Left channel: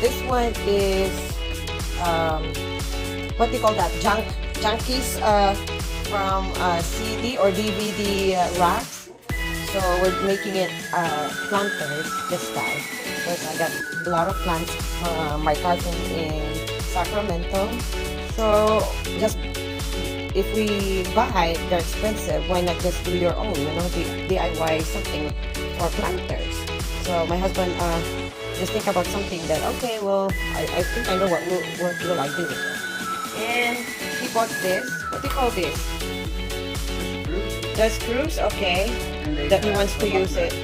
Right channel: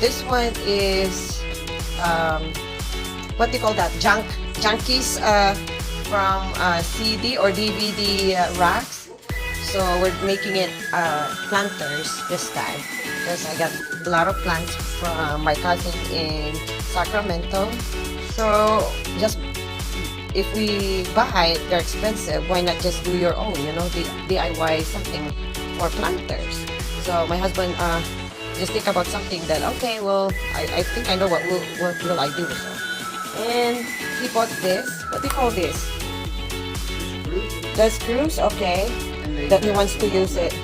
This one is what do you call that? Junkies from CD or DVD racks. So we're making it planters this time because I got a lot of plants from my cousin in Sacramento. So just if we buy, they're expensive. Why not just do your own? You know, the DIY something for planters. So my husband just think about something that okay, well, I think I know what will I do. So, and he bought this. What do you call this? The screws, okay. That he wants to use it.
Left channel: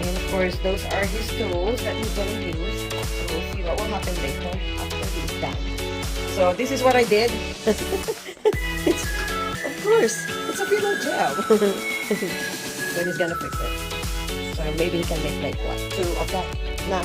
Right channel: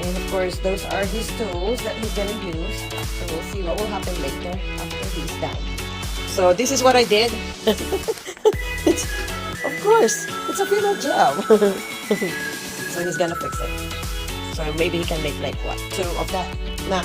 And of course, those are his tools that he's gonna use. So we'll see what will happen later after he's done. So this is what I did. It's, of course, it's a little job. So he's gonna fix it. So maybe he can make like what, 2 of that now.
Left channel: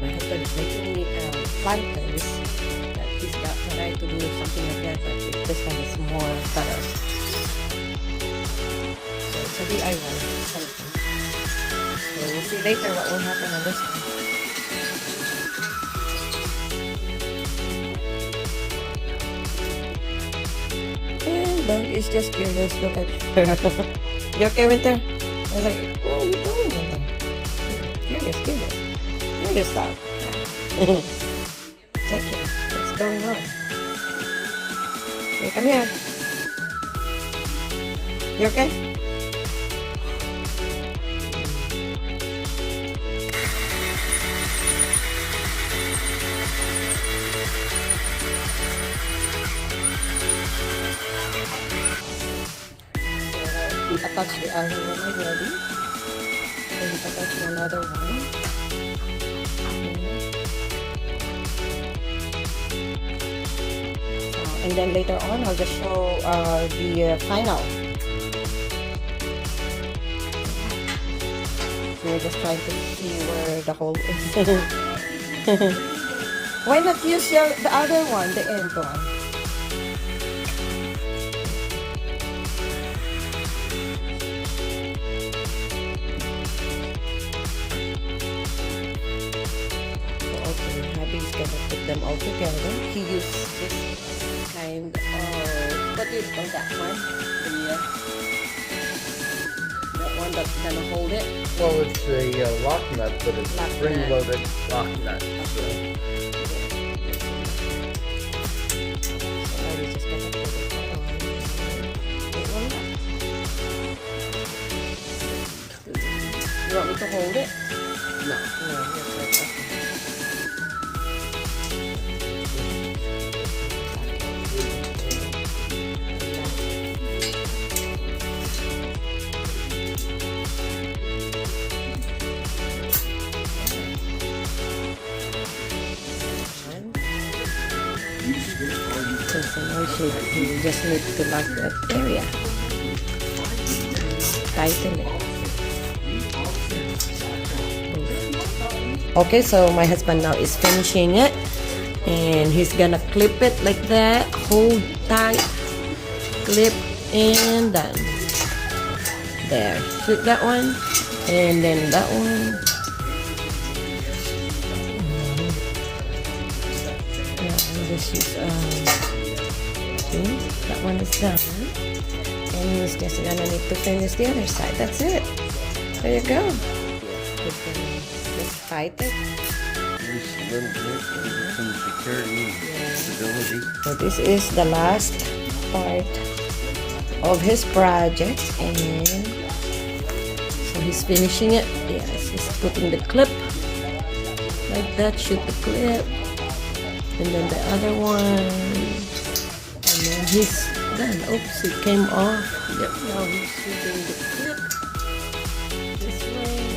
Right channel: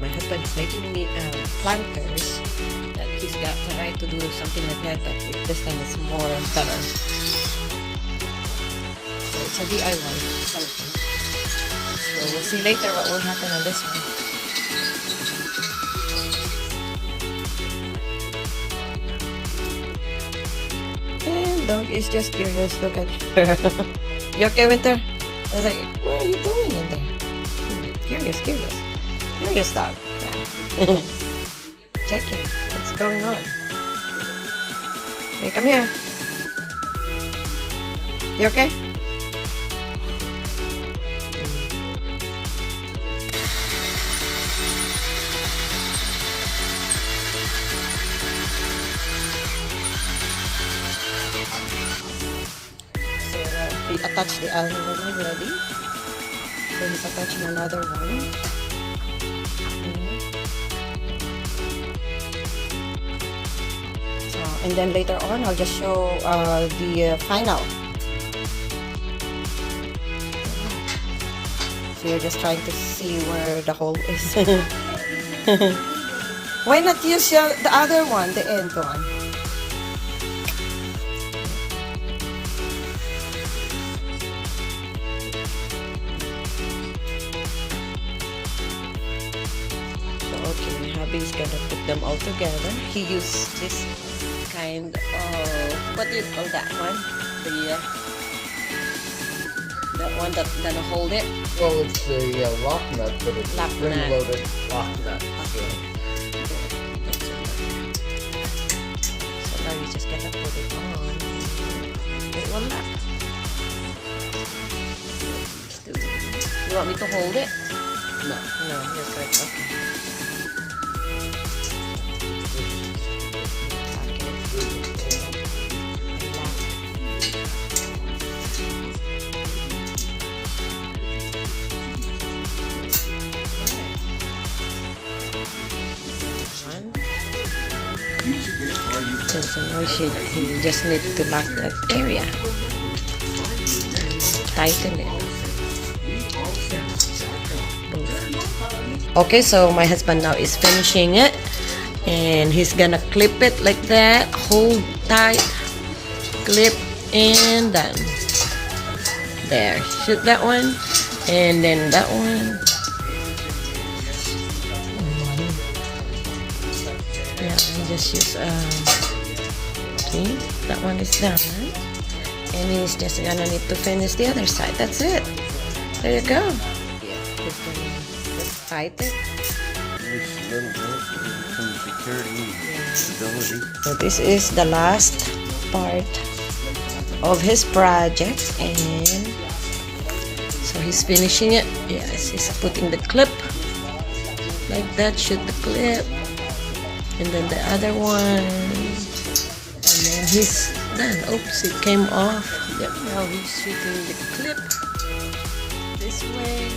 my husband is making me planters that he's got tried to do something like that, but this time it's more better. So it's a DIY something. So we'll see later what will happen on this one. And dog is just curious. Look at her. You okay, Winter? I was like, what are you doing in there? Curious. Curious dog. Yeah. Checking what's going on. Hey, come here. You okay? He attached the other one already. So he's attaching another one. So, and then later on, I'll just show the final. So you're just trying to see where the hole is. Why not use the other one, the end one? Okay, hubby's gonna put them all together. He used this kind of, what do you call that one? That one that gonna hold it? Well, it's a lock nut, but it's Lock a spring-loaded lock nut. So. So now you just gotta put it on. It will lock. You want me to hold it? No. No, you're good. Okay. Just a noise, you just need to lock that area. Tighten it. Okay, so my husband now is finishing it, and he's gonna clip it like that. Hold tight, clip, and done. There, shoot that one, and then that one. Yeah, I just use see, that one is done, and he's just gonna need to finish the other side. That's it. There you go. Yeah, we're gonna just tighten. So this is the last part of his project, and so he's finishing it. Yes, he's putting the clip like that. Shoot the clip. And then the other one, and then he's done. Oops, it came off. Yep, now he's shooting the clip this way.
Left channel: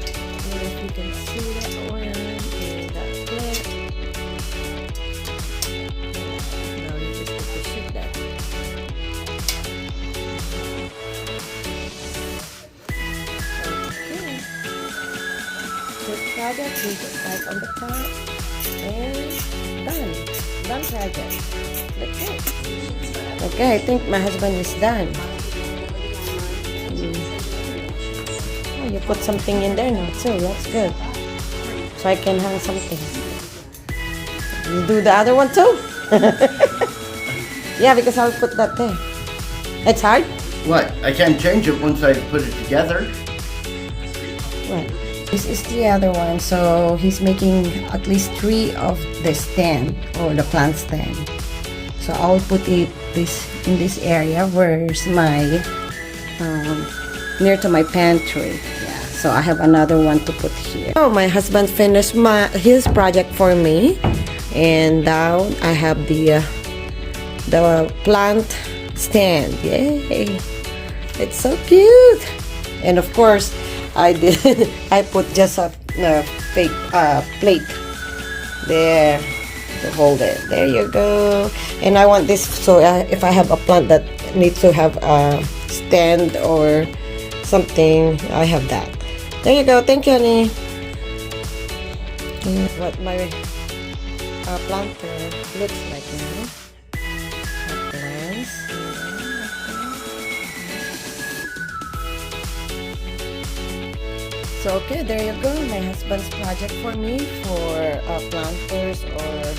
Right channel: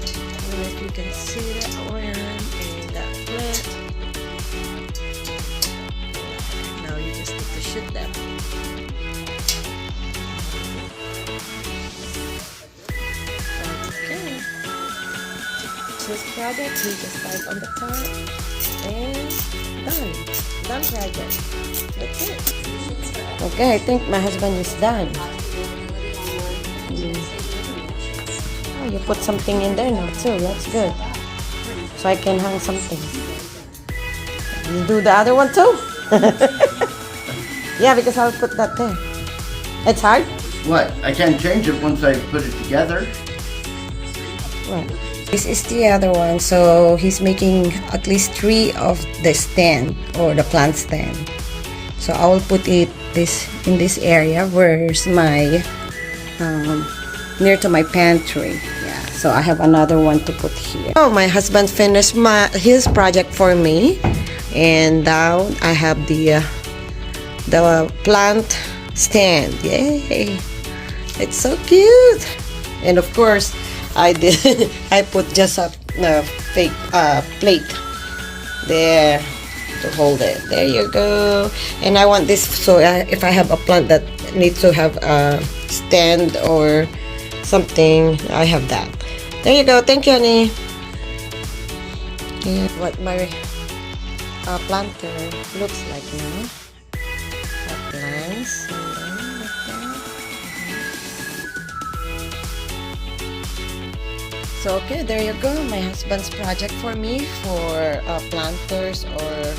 I don't know if you can see that one and that clip. Now you just need to shoot them. Okay. This project, he just tied on the top. And done project. That's it. Okay, I think my husband is done. Oh, you put something in there now too. That's good. So I can hang something. You do the other one too. Yeah, because I'll put that there. It's hard. What? I can't change it once I put it together. What? This is the other one, so he's making at least 3 of the stand or the plant stand. So I will put it in this area where's my near to my pantry. Yeah, so I have another one to put here. Oh, my husband finished his project for me, and now I have the plant stand. Yay! It's so cute, and of course. I put just a fake plate there to hold it. There you go. And I want this, so if I have a plant that needs to have a stand or something, I have that. There you go. Thank you, honey. Yeah, what my planter looks like now. Plants and then like that. So okay, there you go. My husband's project for me for planters, or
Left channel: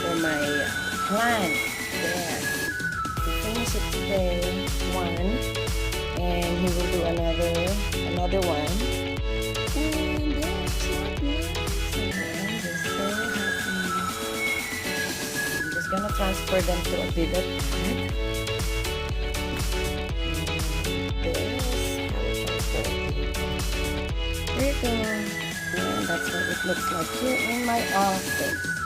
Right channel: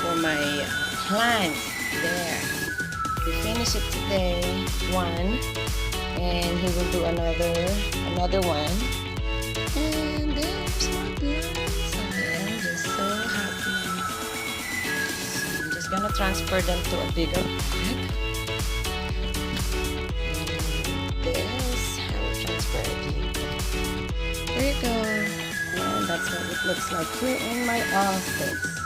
for my plants. There, we finish it today, one, and he will do another one. And there's more plants. I am just so happy. I'm just gonna transfer them to a bigger pot. And this, I will transfer it later. There you go. And that's what it looks like here in my office.